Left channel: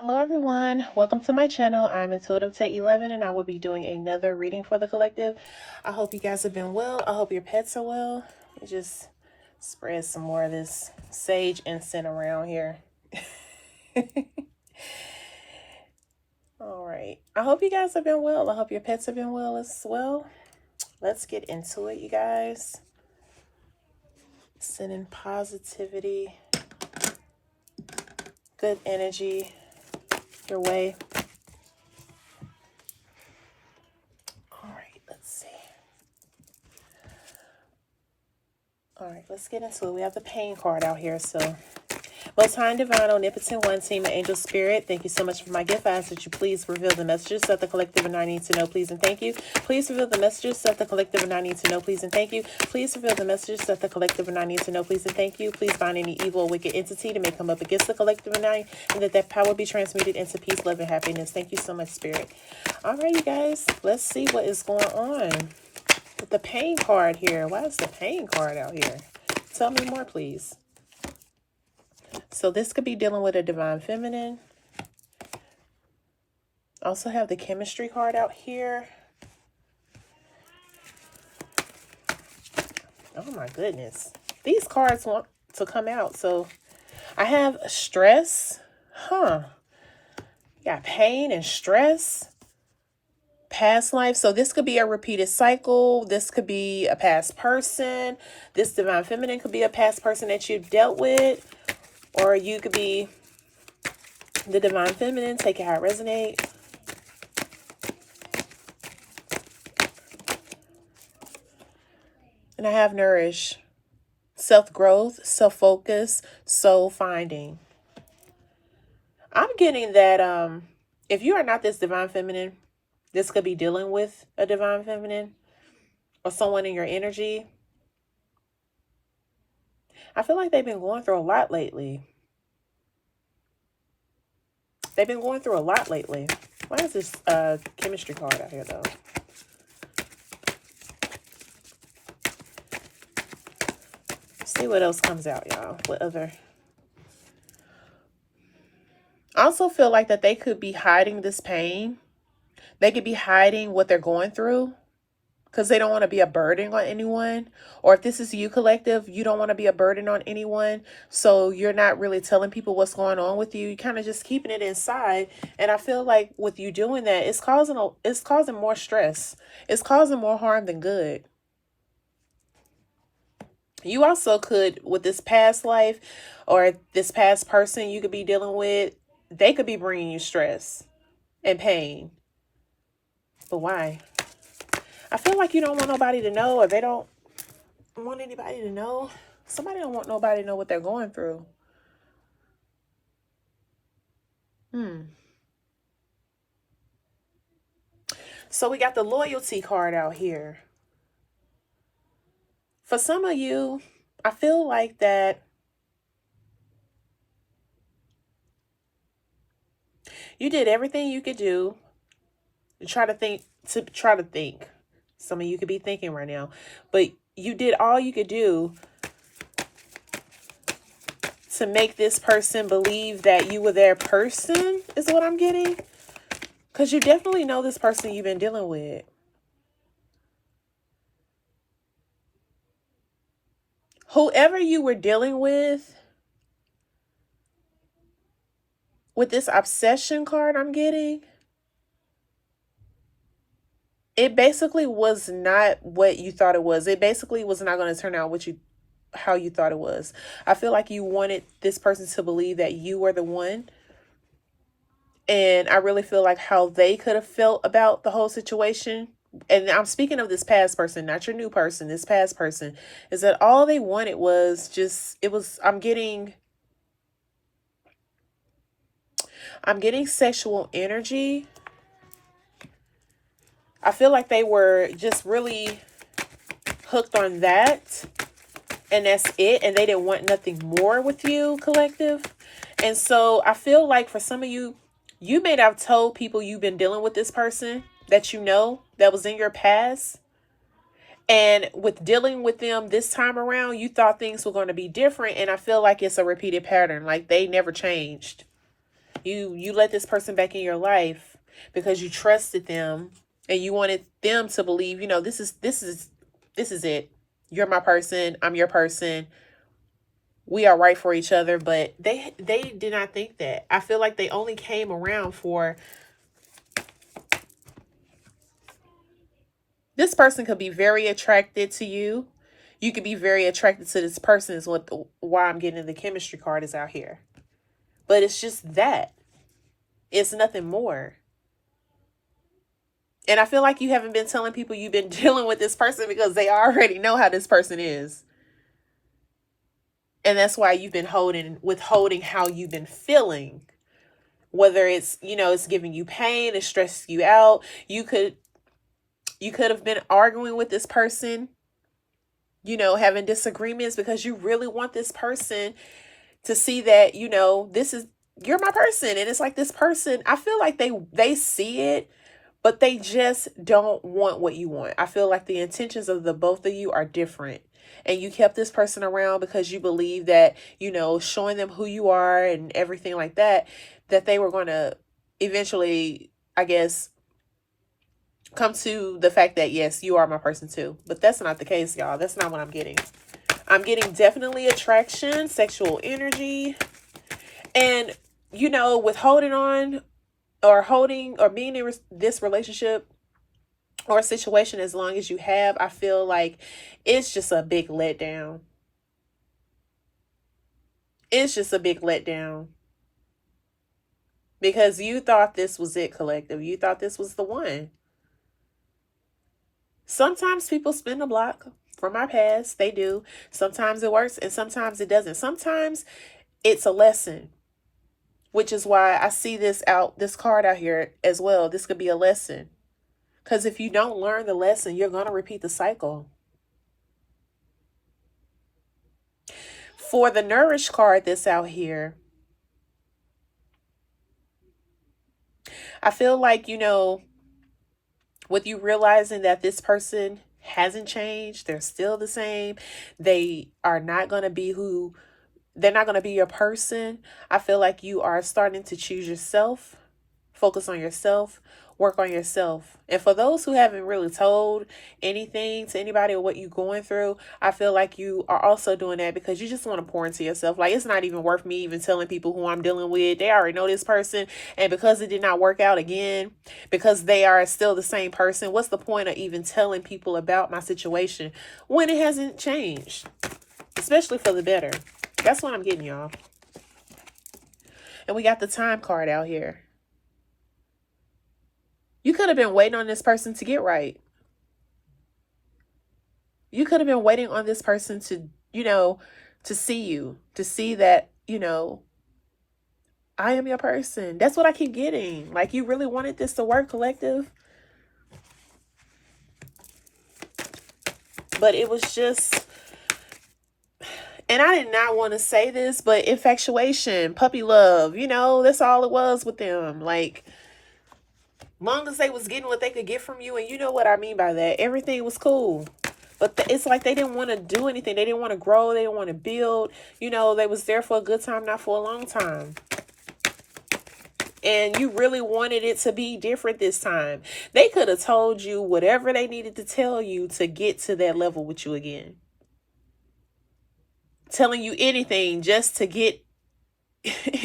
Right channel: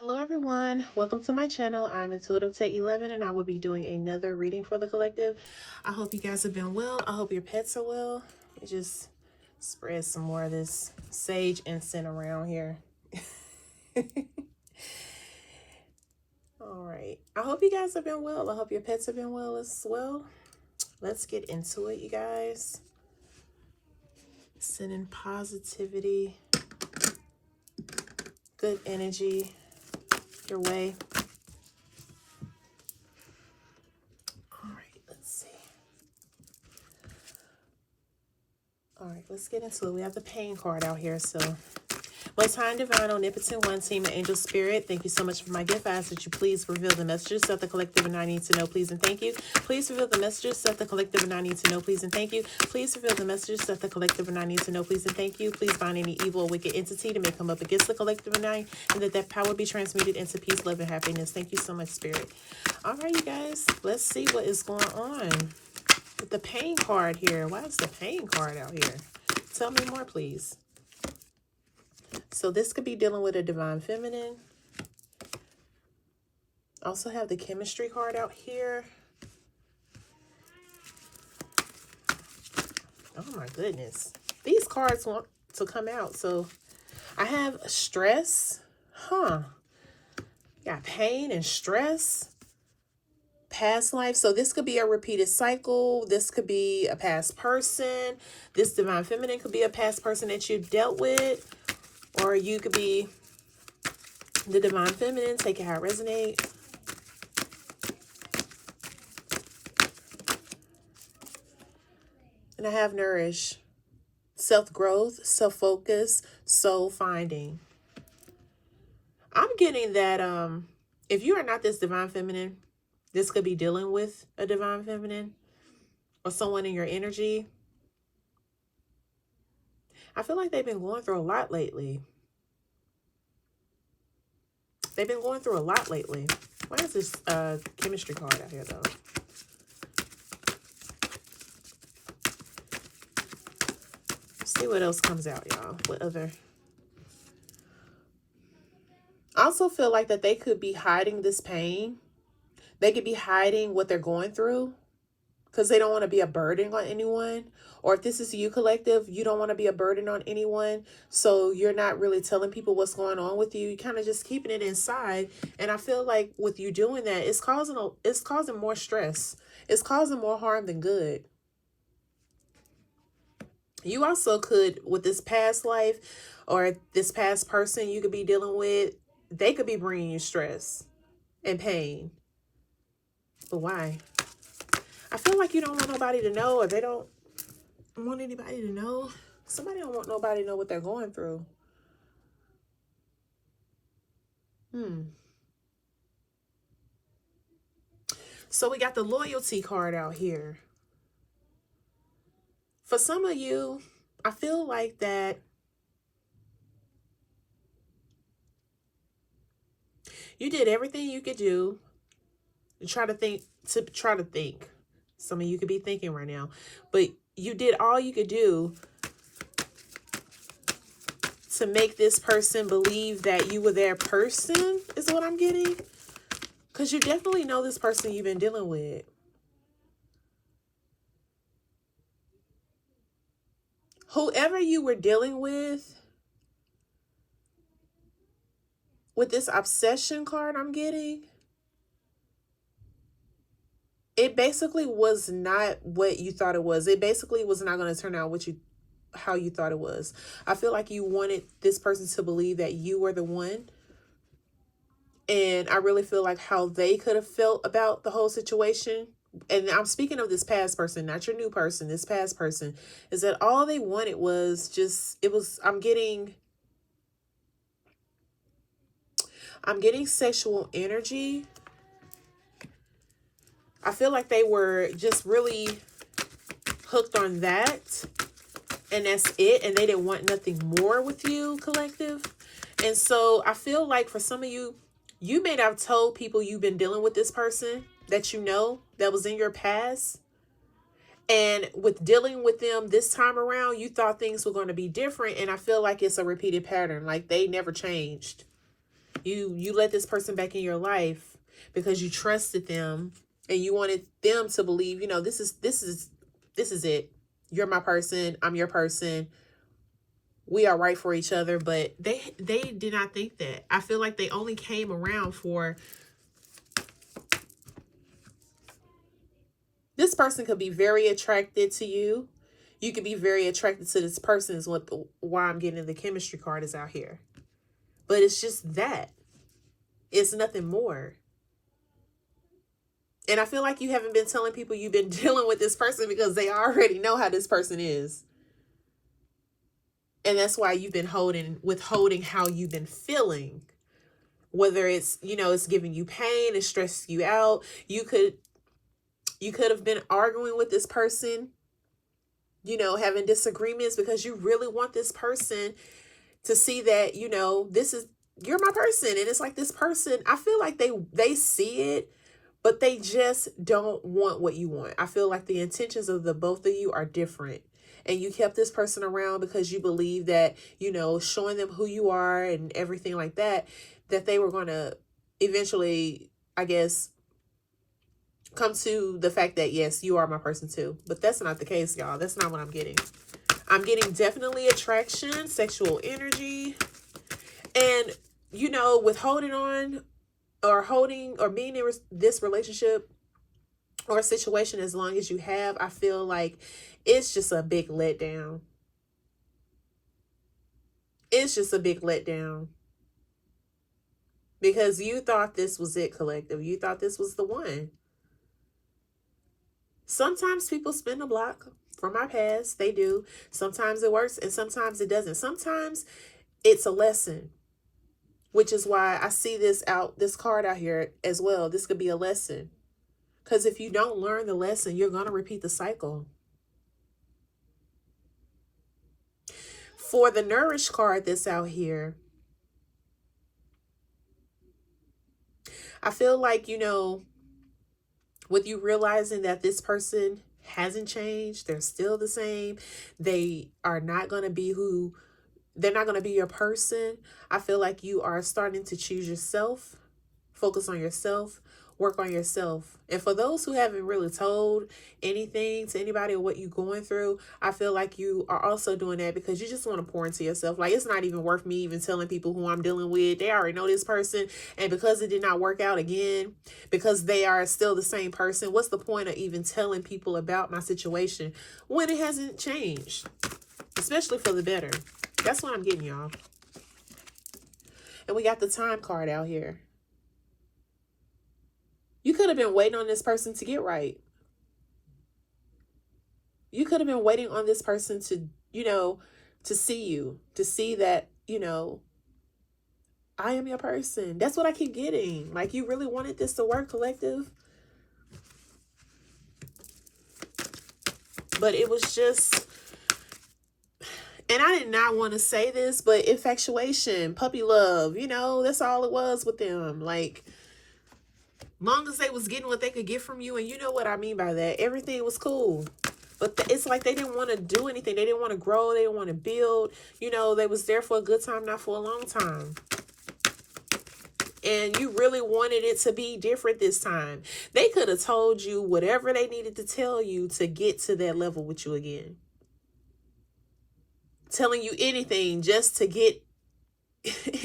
Hello everyone, welcome to my channel. I'm Intuitive Tech 11 and I will be doing another reading for the collective. I hope you guys have been well. I hope your pets are well. Let me just spread some more of this sage incense around here. All right, I hope you guys have been well. I hope your pets have been well as well. Let's get into it, you guys. Sending positivity, good energy your way. All right, let's see. All right, let's get into it. We have the pain card out here. So, Most High and Divine, Omnipotent One, Team of Angel Spirit, thank you so much for my gift. I ask that you please reveal the messages that the collective and I need to know, please and thank you. Please reveal the messages that the collective and I need to know, please and thank you. Please reveal the messages that the collective and I need to know, please and thank you. Please bind any evil or wicked entity to may come up against the collective and I, and that power be transmuted into peace, love, and happiness. Thank you so much, Spirit. All right, you guys, let's see what is going on with the pain card here. Why is the pain card out here? Tell me more, please. So this could be dealing with a divine feminine. Also have the chemistry card out here. Oh my goodness. These cards want to come out. So I have stress. Got pain and stress. Past life. So this could be a repeated cycle. This could be a past person. This divine feminine could be a past person that you've dealt with. Or you could be the divine feminine. Take it how it resonates. And I have nourish. Self-growth, self-focus, soul finding. I'm getting that if you are not this divine feminine, this could be dealing with a divine feminine or someone in your energy. I feel like they've been going through a lot lately. They've been going through a lot lately. Why is this chemistry card out here, though? See what else comes out, y'all. What other... I also feel like that they could be hiding this pain. They could be hiding what they're going through because they don't want to be a burden on anyone. Or if this is you, collective, you don't want to be a burden on anyone. So you're not really telling people what's going on with you. You're kind of just keeping it inside. And I feel like with you doing that, it's causing more stress. It's causing more harm than good. You also could, with this past life or this past person you could be dealing with, they could be bringing you stress and pain. But why? I feel like you don't want nobody to know, or they don't want anybody to know. Somebody don't want nobody to know what they're going through. So we got the loyalty card out here. For some of you, I feel like that you did everything you could do to try to think. Some of you could be thinking right now, but you did all you could do to make this person believe that you were their person, is what I'm getting. Because you definitely know this person you've been dealing with. Whoever you were dealing with this obsession card I'm getting, it basically was not what you thought it was. It basically was not going to turn out how you thought it was. I feel like you wanted this person to believe that you were the one. And I really feel like how they could have felt about the whole situation. And I'm speaking of this past person, not your new person, this past person, is that all they wanted was just, I'm getting sexual energy. I feel like they were just really hooked on that. And that's it. And they didn't want nothing more with you, collective. And so I feel like for some of you, you may have told people you've been dealing with this person that you know that was in your past. And with dealing with them this time around, you thought things were going to be different. And I feel like it's a repeated pattern. Like they never changed. You let this person back in your life because you trusted them and you wanted them to believe, you know, this is it. You're my person, I'm your person. We are right for each other, but they did not think that. I feel like they only came around for, this person could be very attracted to you. You could be very attracted to this person is why I'm getting the chemistry card is out here. But it's just that. It's nothing more. And I feel like you haven't been telling people you've been dealing with this person because they already know how this person is. And that's why you've been withholding how you've been feeling. Whether it's, you know, it's giving you pain, it's stressing you out. You could have been arguing with this person, you know, having disagreements because you really want this person to see that, you know, you're my person. And it's like this person, I feel like they see it, but they just don't want what you want. I feel like the intentions of the both of you are different. And you kept this person around because you believe that, you know, showing them who you are and everything like that, that they were going to eventually, I guess, come to the fact that, yes, you are my person too. But that's not the case, y'all. That's not what I'm getting. I'm getting definitely attraction, sexual energy, and, you know, with holding on or being in this relationship or situation as long as you have, I feel like it's just a big letdown. It's just a big letdown. Because you thought this was it, collective. You thought this was the one. Sometimes people spin the block from my past. They do. Sometimes it works and sometimes it doesn't. Sometimes it's a lesson, which is why I see this card out here as well. This could be a lesson. Because if you don't learn the lesson, you're going to repeat the cycle. For the Nourish card that's out here, I feel like, you know, with you realizing that this person hasn't changed, they're still the same, they are not going to be they're not going to be your person. I feel like you are starting to choose yourself, focus on yourself, work on yourself. And for those who haven't really told anything to anybody or what you're going through, I feel like you are also doing that because you just want to pour into yourself. Like, it's not even worth me even telling people who I'm dealing with. They already know this person. And because it did not work out again, because they are still the same person, what's the point of even telling people about my situation when it hasn't changed? Especially for the better. That's what I'm getting, y'all. And we got the Time card out here. You could have been waiting on this person to get right. You could have been waiting on this person to, you know, to see that, you know, I am your person. That's what I keep getting. Like, you really wanted this to work, collective. But it was just, and I did not want to say this, but infatuation, puppy love, you know, that's all it was with them. Like, long as they was getting what they could get from you, and you know what I mean by that, everything was cool. But it's like they didn't want to do anything. They didn't want to grow. They didn't want to build. You know, they was there for a good time, not for a long time. And you really wanted it to be different this time. They could have told you whatever they needed to tell you to get to that level with you again. Telling you anything just to get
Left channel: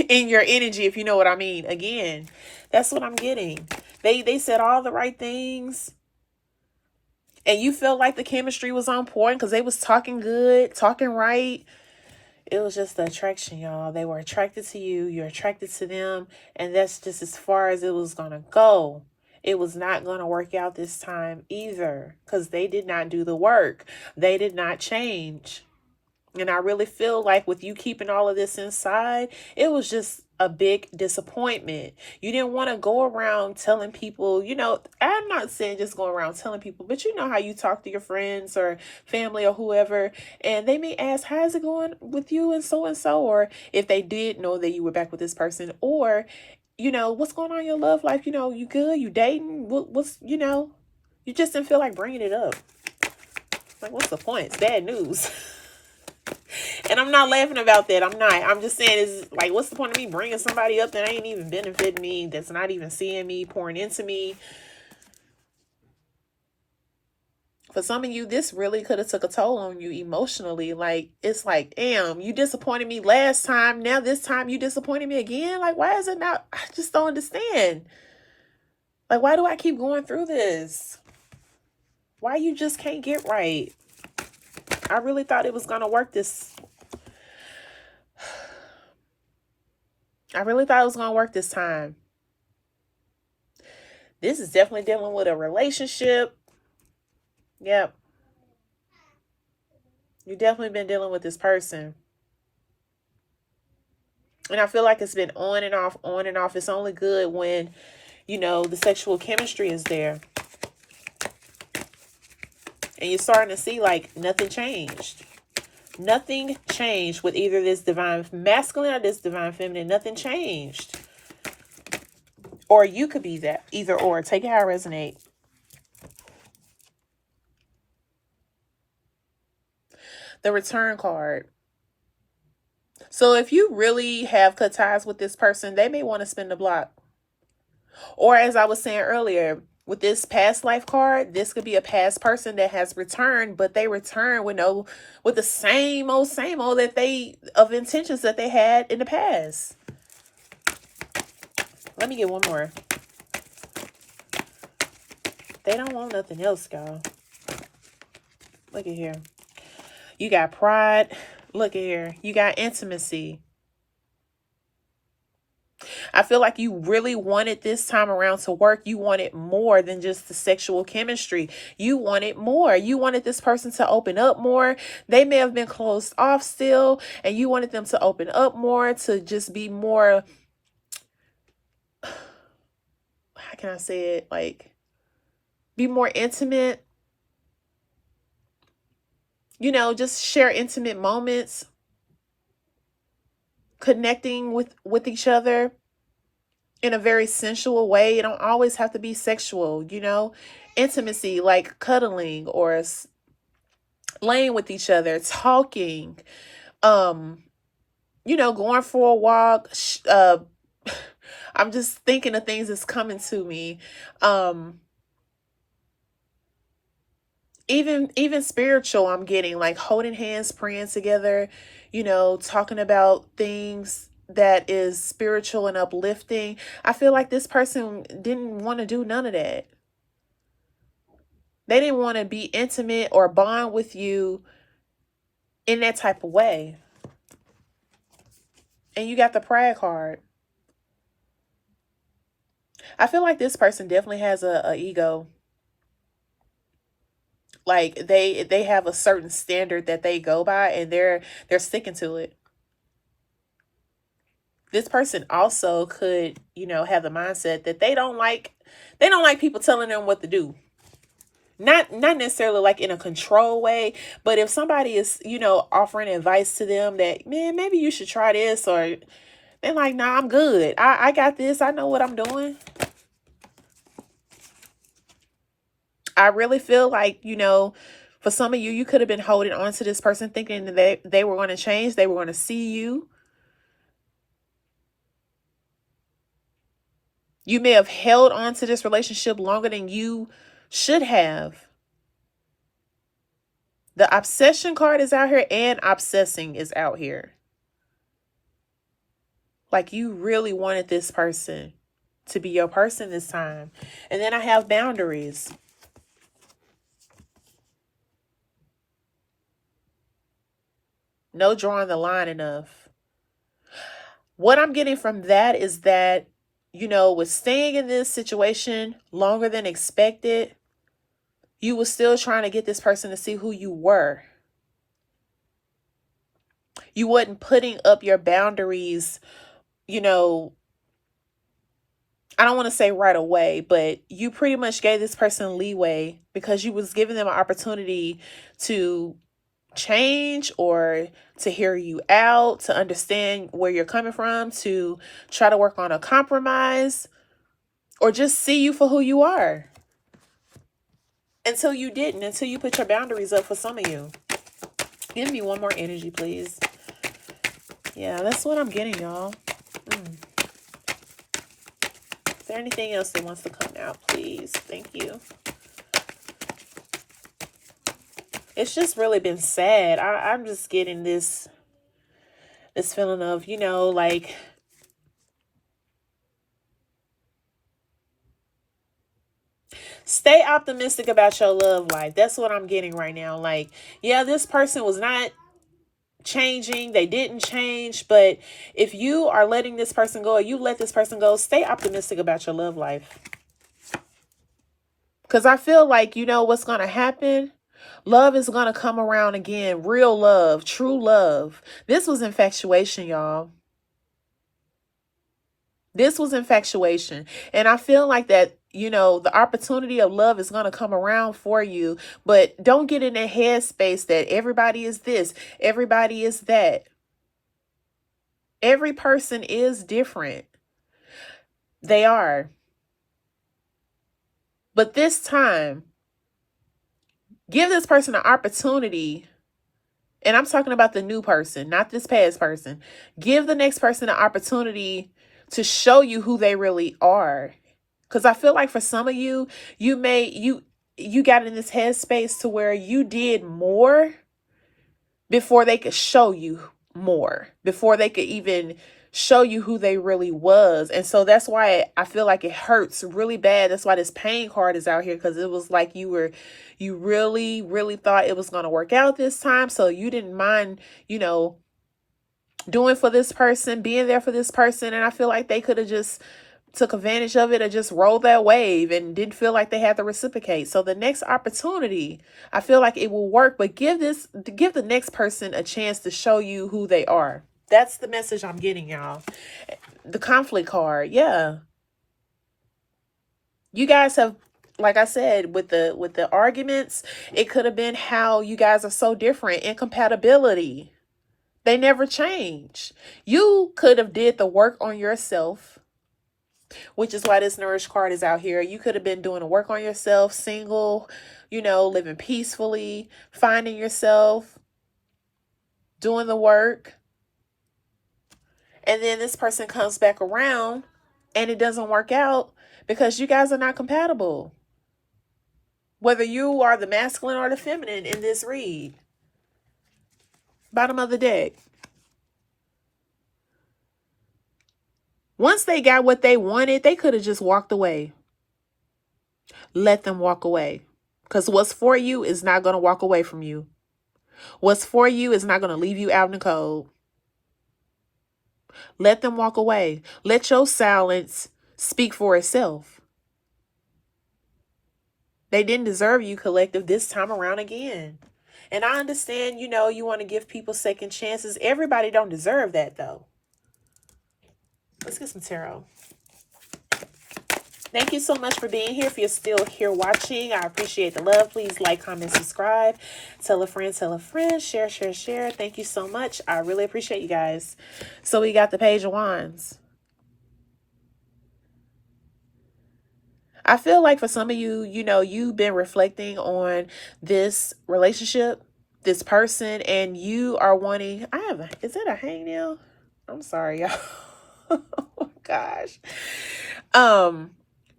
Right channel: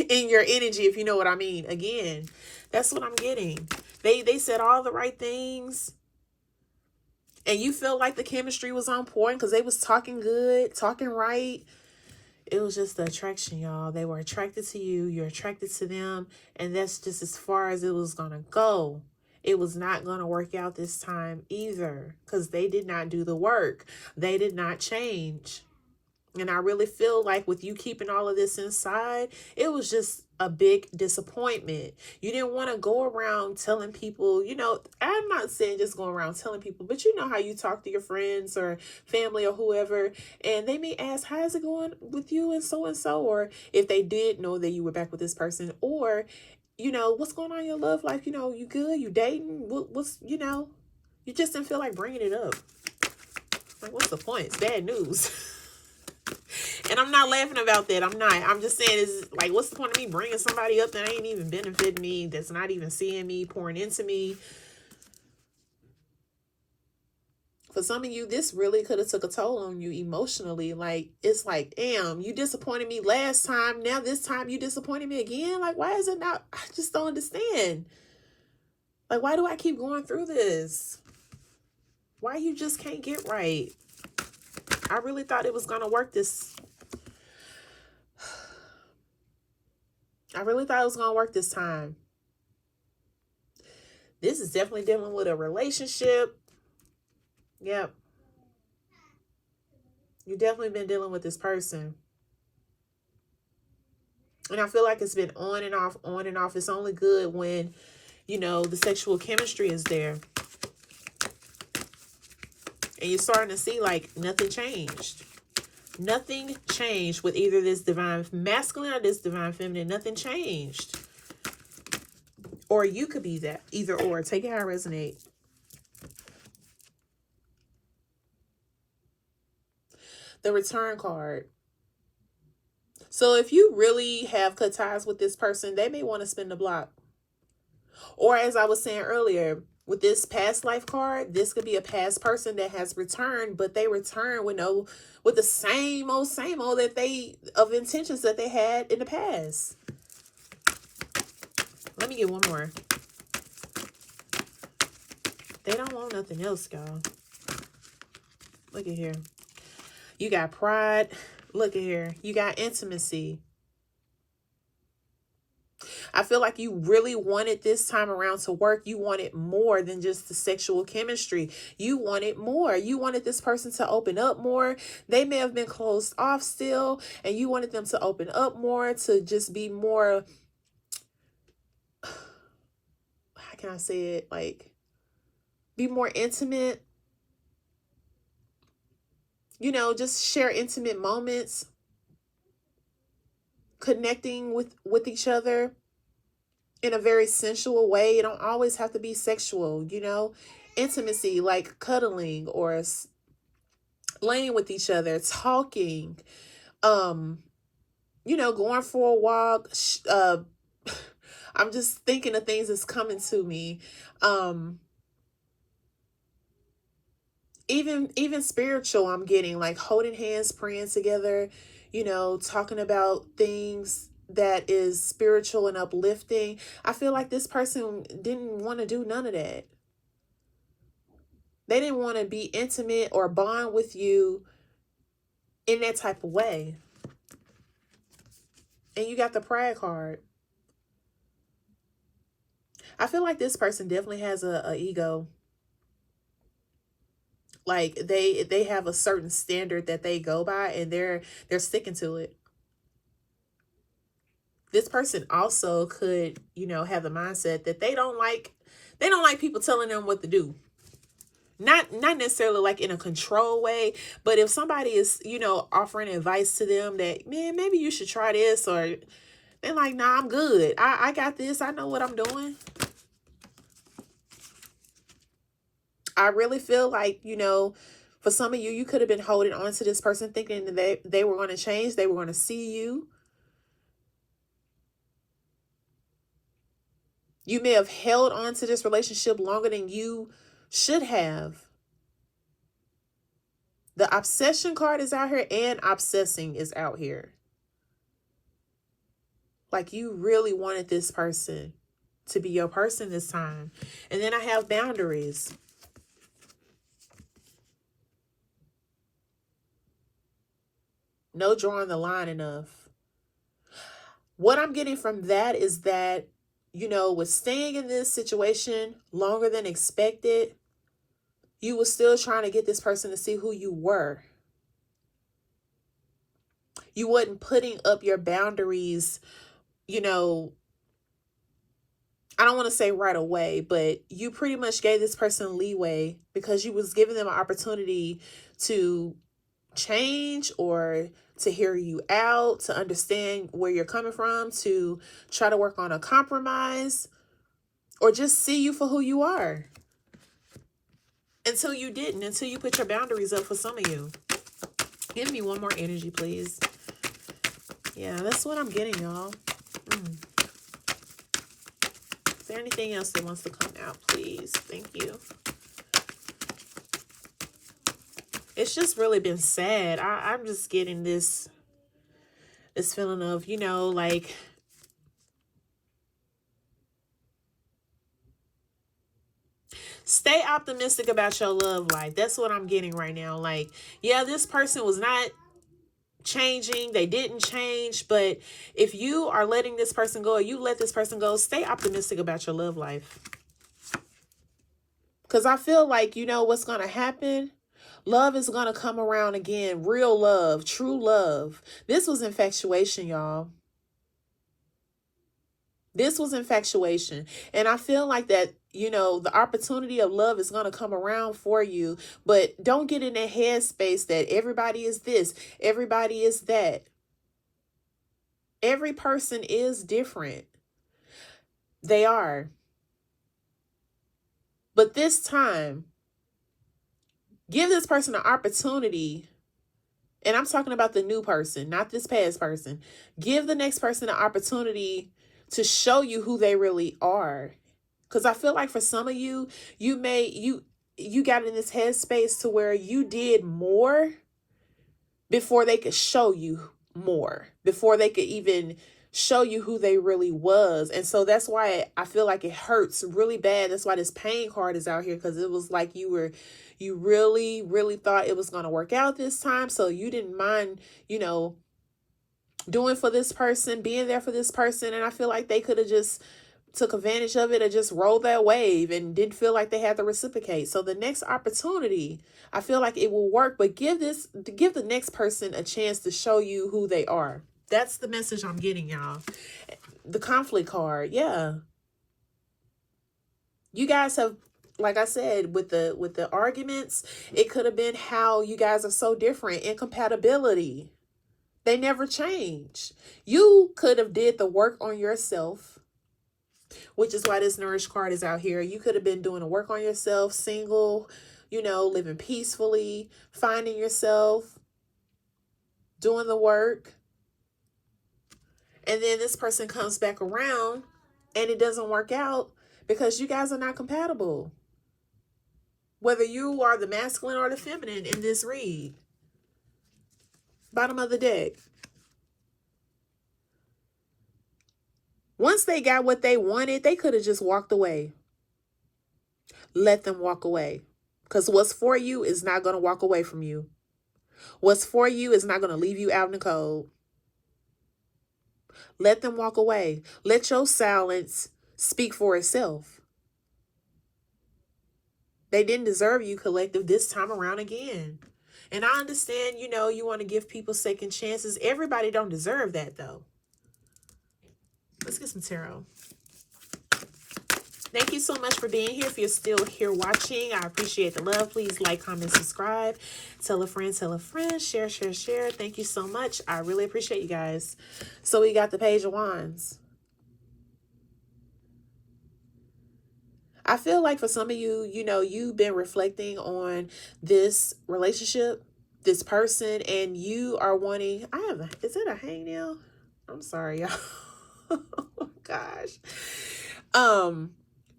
in your energy, if you know what I mean. Again, that's what I'm getting. They said all the right things. And you felt like the chemistry was on point because they was talking good, talking right. It was just the attraction, y'all. They were attracted to you. You're attracted to them. And that's just as far as it was going to go. It was not going to work out this time either because they did not do the work. They did not change. And I really feel like with you keeping all of this inside, it was just a big disappointment. You didn't want to go around telling people, you know, I'm not saying just go around telling people, but you know how you talk to your friends or family or whoever, and they may ask, how's it going with you and so, or if they did know that you were back with this person, or, you know, what's going on in your love life? You know, you good? You dating? What's, you know, you just didn't feel like bringing it up. Like, what's the point? It's bad news. And I'm not laughing about that. I'm not. I'm just saying, is like, what's the point of me bringing somebody up that ain't even benefiting me, that's not even seeing me, pouring into me? For some of you, this really could have took a toll on you emotionally. Like, it's like, damn, you disappointed me last time. Now this time you disappointed me again. Like, why is it not? I just don't understand. Like, why do I keep going through this? Why you just can't get right? I really thought it was going to work this. I really thought it was going to work this time. This is definitely dealing with a relationship. Yep. You've definitely been dealing with this person. And I feel like it's been on and off, on and off. It's only good when, you know, the sexual chemistry is there. And you're starting to see like nothing changed. Nothing changed with either this divine masculine or this divine feminine. Nothing changed. Or you could be that. Either or. Take it how it resonates. The return card. So if you really have cut ties with this person, they may want to spin the block. Or as I was saying earlier, with this past life card, this could be a past person that has returned, but they return with the same old that of intentions that they had in the past. Let me get one more. They don't want nothing else, y'all. Look at here. You got pride. Look at here. You got intimacy. I feel like you really wanted this time around to work. You wanted more than just the sexual chemistry. You wanted more. You wanted this person to open up more. They may have been closed off still, and you wanted them to open up more, to just be more, how can I say it? Like, be more intimate. You know, just share intimate moments. Connecting with each other in a very sensual way. It don't always have to be sexual, you know. Intimacy, like cuddling or laying with each other, talking, you know, going for a walk. I'm just thinking of things that's coming to me. Even spiritual, I'm getting like holding hands, praying together, you know, talking about things that is spiritual and uplifting. I feel like this person didn't want to do none of that. They didn't want to be intimate or bond with you in that type of way. And you got the pride card. I feel like this person definitely has a ego. Like they have a certain standard that they go by, and they're sticking to it. This person also could, you know, have the mindset that they don't like people telling them what to do. Not necessarily like in a control way, but if somebody is, you know, offering advice to them that, man, maybe you should try this, or they're like, nah, I'm good. I got this. I know what I'm doing. I really feel like, you know, for some of you, you could have been holding on to this person thinking that they were going to change. They were going to see you. You may have held on to this relationship longer than you should have. The obsession card is out here, and obsessing is out here. Like, you really wanted this person to be your person this time. And then I have boundaries. No drawing the line enough. What I'm getting from that is that, you know, with staying in this situation longer than expected, you were still trying to get this person to see who you were. You wasn't putting up your boundaries, you know, I don't want to say right away, but you pretty much gave this person leeway because you was giving them an opportunity to change or to hear you out, to understand where you're coming from, to try to work on a compromise, or just see you for who you are. Until you didn't, until you put your boundaries up for some of you. Give me one more energy, please. Yeah, that's what I'm getting, y'all. Is there anything else that wants to come out, please? Thank you. It's just really been sad. I'm just getting this feeling of, you know, like, stay optimistic about your love life. That's what I'm getting right now. Like, yeah, this person was not changing. They didn't change. But if you are letting this person go, or you let this person go, stay optimistic about your love life. Because I feel like, you know what's going to happen? Love is going to come around again. Real love, true love. This was infatuation, y'all. This was infatuation. And I feel like that, you know, the opportunity of love is going to come around for you. But don't get in that headspace that everybody is this, everybody is that. Every person is different. They are. But this time, give this person an opportunity. And I'm talking about the new person, not this past person. Give the next person an opportunity to show you who they really are. Because I feel like for some of you, you got in this headspace to where you did more before they could show you more, before they could even show you who they really was. And so that's why I feel like it hurts really bad. That's why this pain card is out here, because it was like you really, really thought it was going to work out this time. So you didn't mind, you know, doing for this person, being there for this person. And I feel like they could have just took advantage of it or just rolled that wave and didn't feel like they had to reciprocate. So the next opportunity, I feel like it will work, but give the next person a chance to show you who they are. That's the message I'm getting, y'all. The conflict card. Yeah. You guys have, like I said, with the arguments, it could have been how you guys are so different. Incompatibility. They never change. You could have did the work on yourself, which is why this Nourish card is out here. You could have been doing the work on yourself, single, you know, living peacefully, finding yourself, doing the work. And then this person comes back around and it doesn't work out because you guys are not compatible. Whether you are the masculine or the feminine in this read. Bottom of the deck. Once they got what they wanted, they could have just walked away. Let them walk away. Because what's for you is not going to walk away from you. What's for you is not going to leave you out in the cold. Let them walk away. Let your silence speak for itself. They didn't deserve you, collective, this time around again. And I understand, you know, you want to give people second chances. Everybody don't deserve that, though. Let's get some tarot. Thank you so much for being here. If you're still here watching, I appreciate the love. Please like, comment, subscribe. Tell a friend, share, share, share. Thank you so much. I really appreciate you guys. So we got the Page of Wands. I feel like for some of you, you know, you've been reflecting on this relationship, this person, and you are wanting, is it a hangnail? I'm sorry, y'all. Oh my gosh.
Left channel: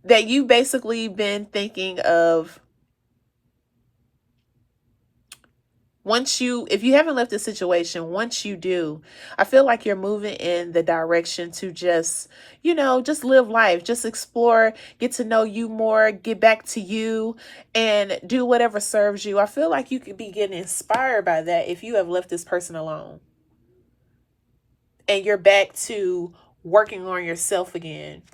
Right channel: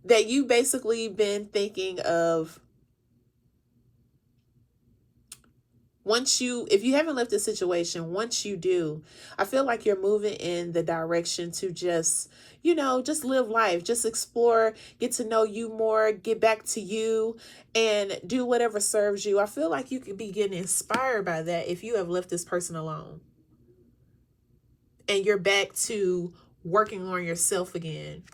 That you basically been thinking of, if you haven't left the situation, once you do, I feel like you're moving in the direction to just, you know, just live life, just explore, get to know you more, get back to you, and do whatever serves you. I feel like you could be getting inspired by that if you have left this person alone. And you're back to working on yourself again.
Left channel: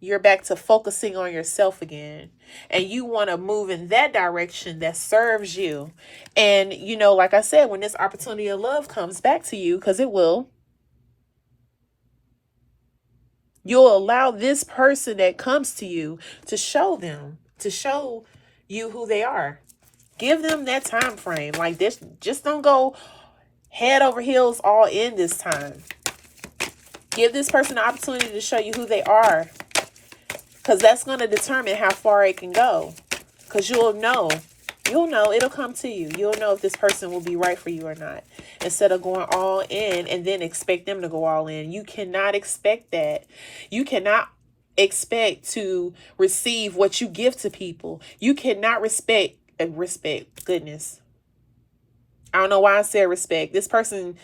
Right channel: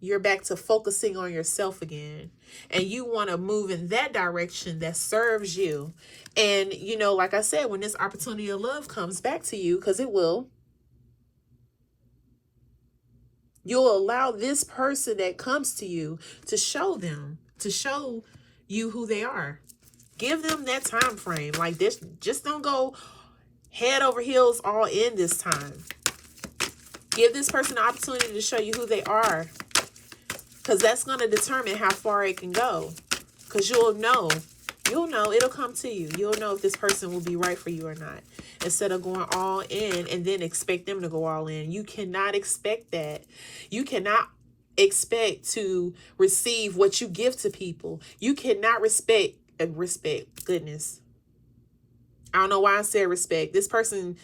You're back to focusing on yourself again. And you want to move in that direction that serves you. And, you know, like I said, when this opportunity of love comes back to you, because it will, you'll allow this person that comes to you to show you who they are. Give them that time frame. Like this, just don't go head over heels all in this time. Give this person the opportunity to show you who they are. Because that's going to determine how far it can go. Because you'll know You'll know. It'll come to you. You'll know if this person will be right for you or not. Instead of going all in and then expect them to go all in. You cannot expect that. You cannot expect to receive what you give to people. You cannot respect. Goodness. I don't know why I said respect. This person,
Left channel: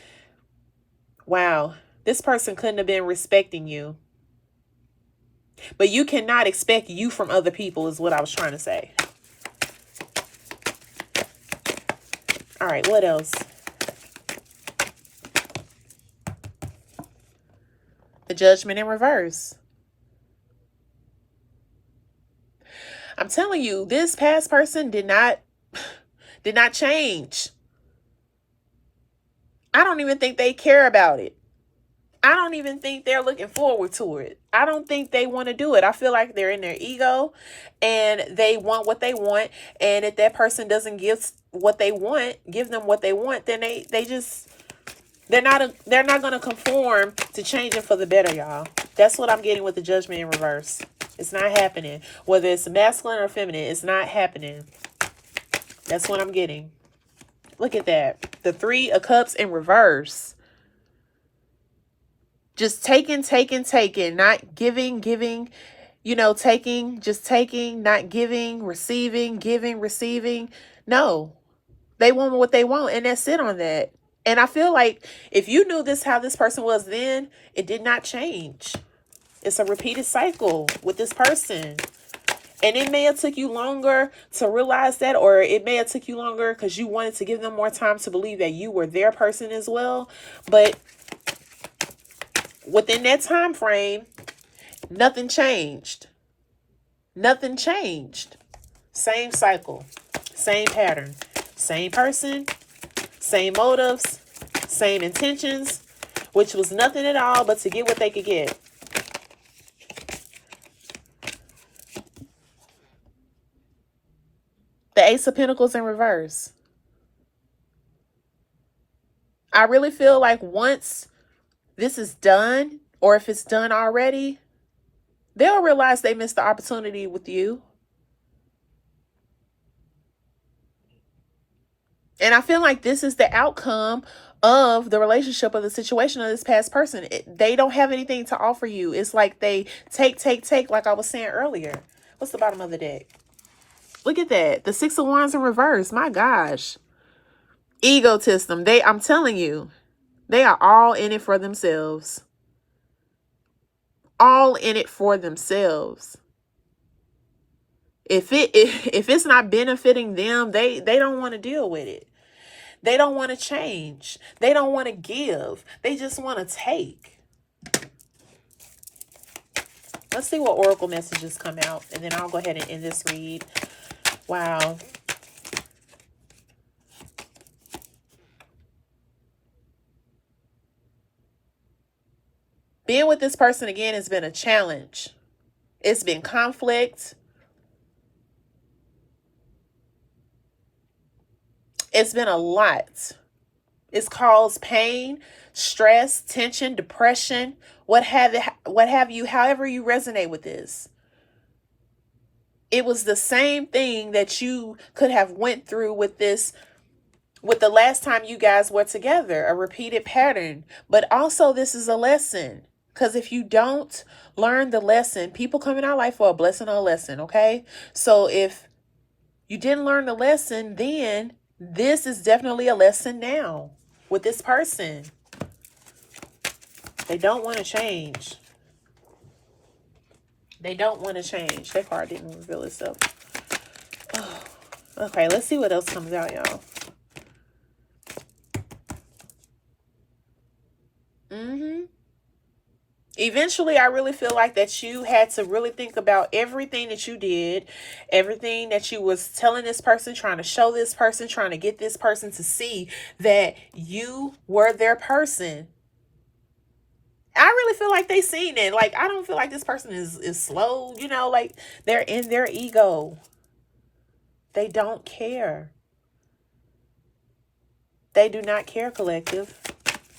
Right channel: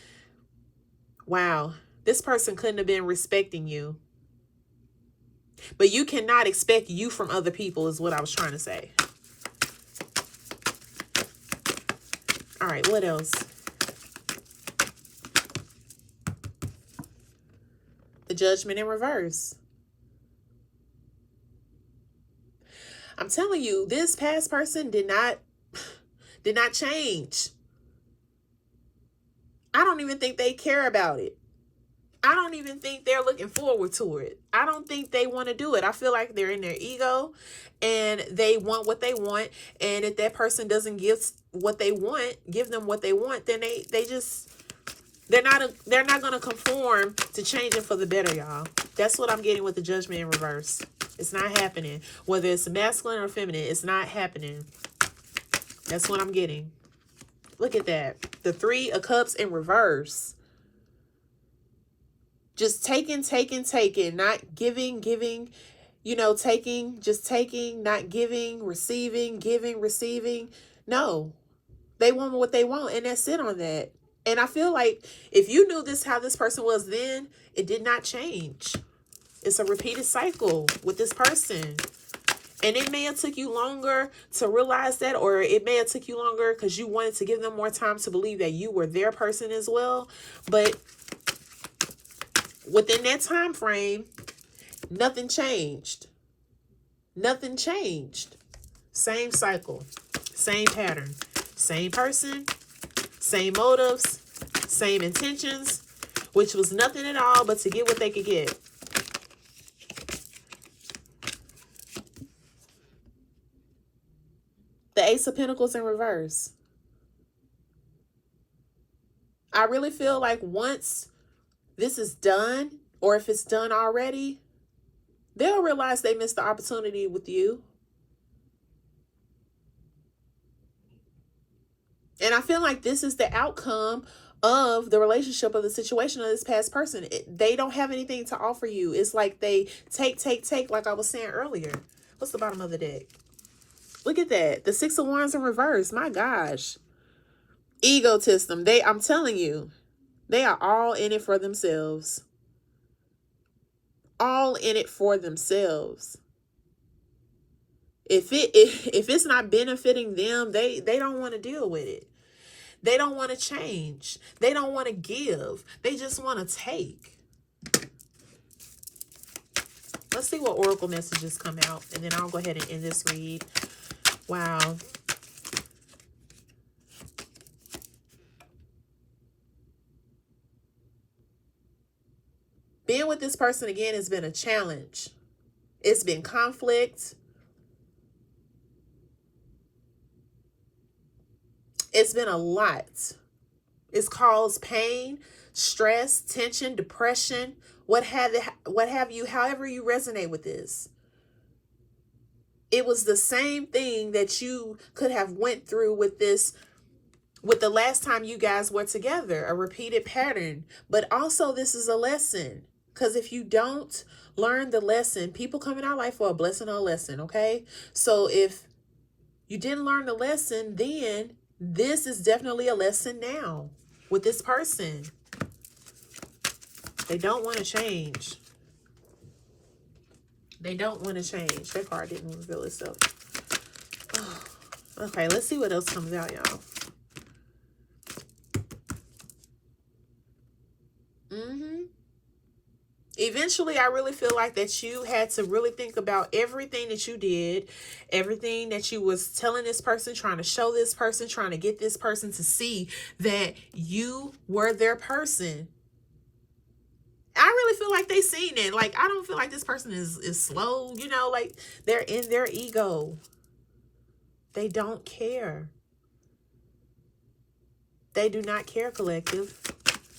wow. This person couldn't have been respecting you. But you cannot expect you from other people is what I was trying to say. All right, what else? The Judgment in reverse. I'm telling you, this past person did not change. I don't even think they care about it. I don't even think they're looking forward to it. I don't think they want to do it. I feel like they're in their ego and they want what they want. And if that person doesn't give what they want, give them what they want, then they're not going to conform to changing for the better, y'all. That's what I'm getting with the Judgment in reverse. It's not happening. Whether it's masculine or feminine, it's not happening. That's what I'm getting. Look at that. The Three of Cups in reverse. Just taking, not giving, just taking, not giving, receiving, giving, receiving. No, they want what they want and that's it on that. And I feel like if you knew how this person was then, it did not change. It's a repeated cycle with this person. And it may have took you longer to realize that, or it may have took you longer because you wanted to give them more time to believe that you were their person as well. But within that time frame, nothing changed. Nothing changed. Same cycle, same pattern, same person, same motives, same intentions, which was nothing at all but to get what they could get. The Ace of Pentacles in reverse. I really feel like once this is done, or if it's done already, they'll realize they missed the opportunity with you. And I feel like this is the outcome of the relationship or the situation of this past person. They don't have anything to offer you. It's like they take, like I was saying earlier. What's the bottom of the deck? Look at that. The Six of Wands in reverse. My gosh. Egotism. I'm telling you, they are all in it for themselves. All in it for themselves. If it's not benefiting them, they don't want to deal with it. They don't want to change. They don't want to give. They just want to take. Let's see what oracle messages come out, and then I'll go ahead and end this read. Wow. Being with this person again has been a challenge. It's been conflict. It's been a lot. It's caused pain, stress, tension, depression, what have you, however you resonate with this. It was the same thing that you could have went through with this, with the last time you guys were together, a repeated pattern. But also this is a lesson. Because if you don't learn the lesson, people come in our life for a blessing or a lesson, okay? So if you didn't learn the lesson, then this is definitely a lesson now with this person. They don't want to change. They don't want to change. That card didn't reveal itself. Oh, okay, let's see what else comes out, y'all. Eventually, I really feel like that you had to really think about everything that you did, everything that you was telling this person, trying to show this person, trying to get this person to see that you were their person. I really feel like they seen it. Like, I don't feel like this person is slow, you know, like they're in their ego. They don't care. They do not care, collective.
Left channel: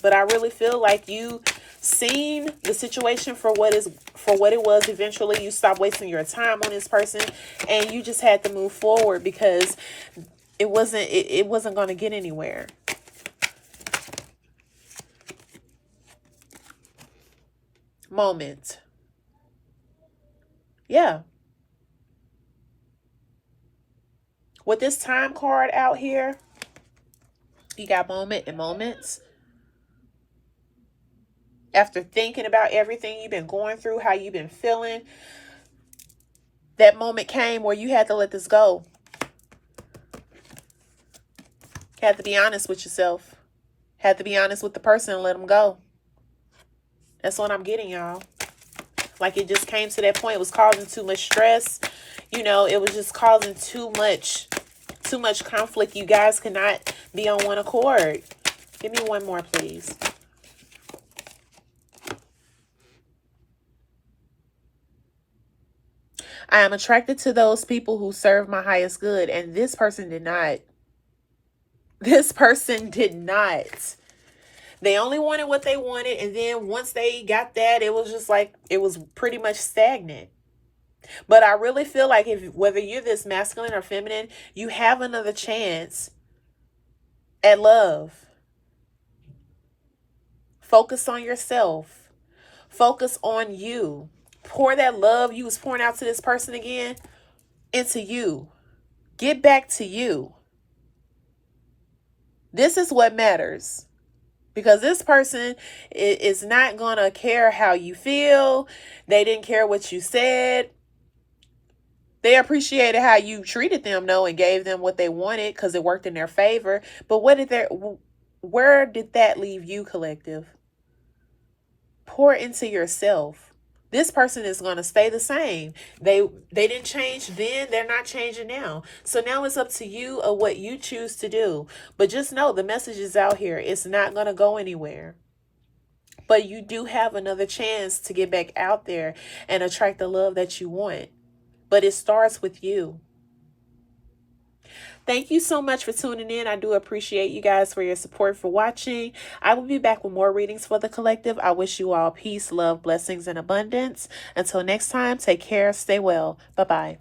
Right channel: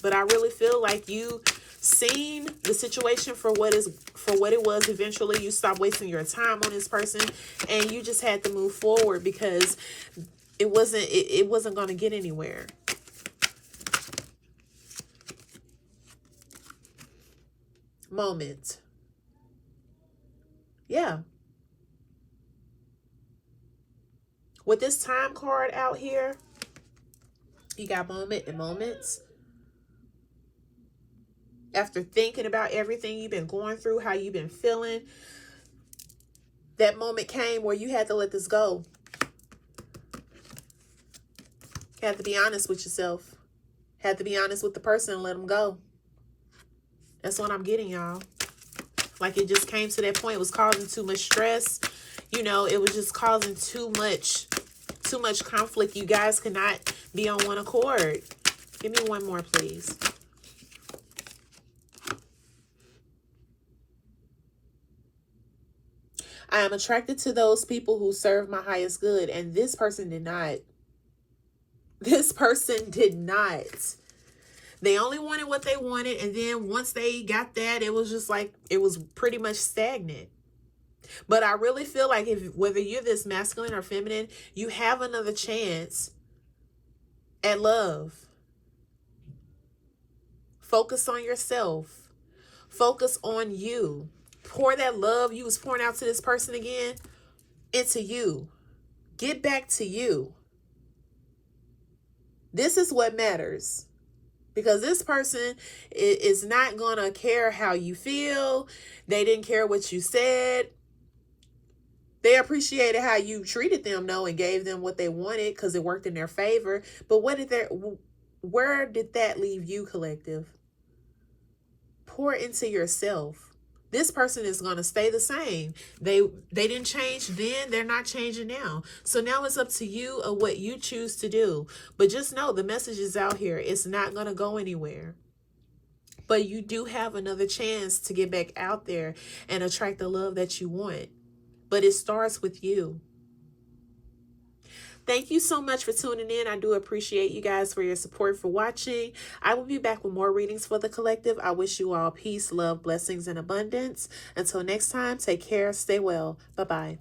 But I really feel like you seen the situation for what it was. Eventually, you stopped wasting your time on this person, and you just had to move forward because it wasn't going to get anywhere. Moment. Yeah. With this time card out here, you got moment and moments. After thinking about everything you've been going through, how you've been feeling, that moment came where you had to let this go. Had to be honest with yourself. Had to be honest with the person and let them go. That's what I'm getting, y'all. Like, it just came to that point. It was causing too much stress. You know, it was just causing too much conflict. You guys could not be on one accord. Give me one more, please. I am attracted to those people who serve my highest good. And this person did not. This person did not. They only wanted what they wanted. And then once they got that, it was just like, it was pretty much stagnant. But I really feel like whether you're this masculine or feminine, you have another chance at love. Focus on yourself. Focus on you. Pour that love you was pouring out to this person again into you. Get back to you. This is what matters. Because this person is not going to care how you feel. They didn't care what you said. They appreciated how you treated them, though, and gave them what they wanted because it worked in their favor. But where did that leave you, collective? Pour into yourself. This person is going to stay the same. They didn't change then. They're not changing now. So now it's up to you of what you choose to do. But just know the message is out here. It's not going to go anywhere. But you do have another chance to get back out there and attract the love that you want. But it starts with you. Thank you so much for tuning in. I do appreciate you guys for your support, for watching. I will be back with more readings for the collective. I wish you all peace, love, blessings, and abundance. Until next time, take care. Stay well. Bye-bye.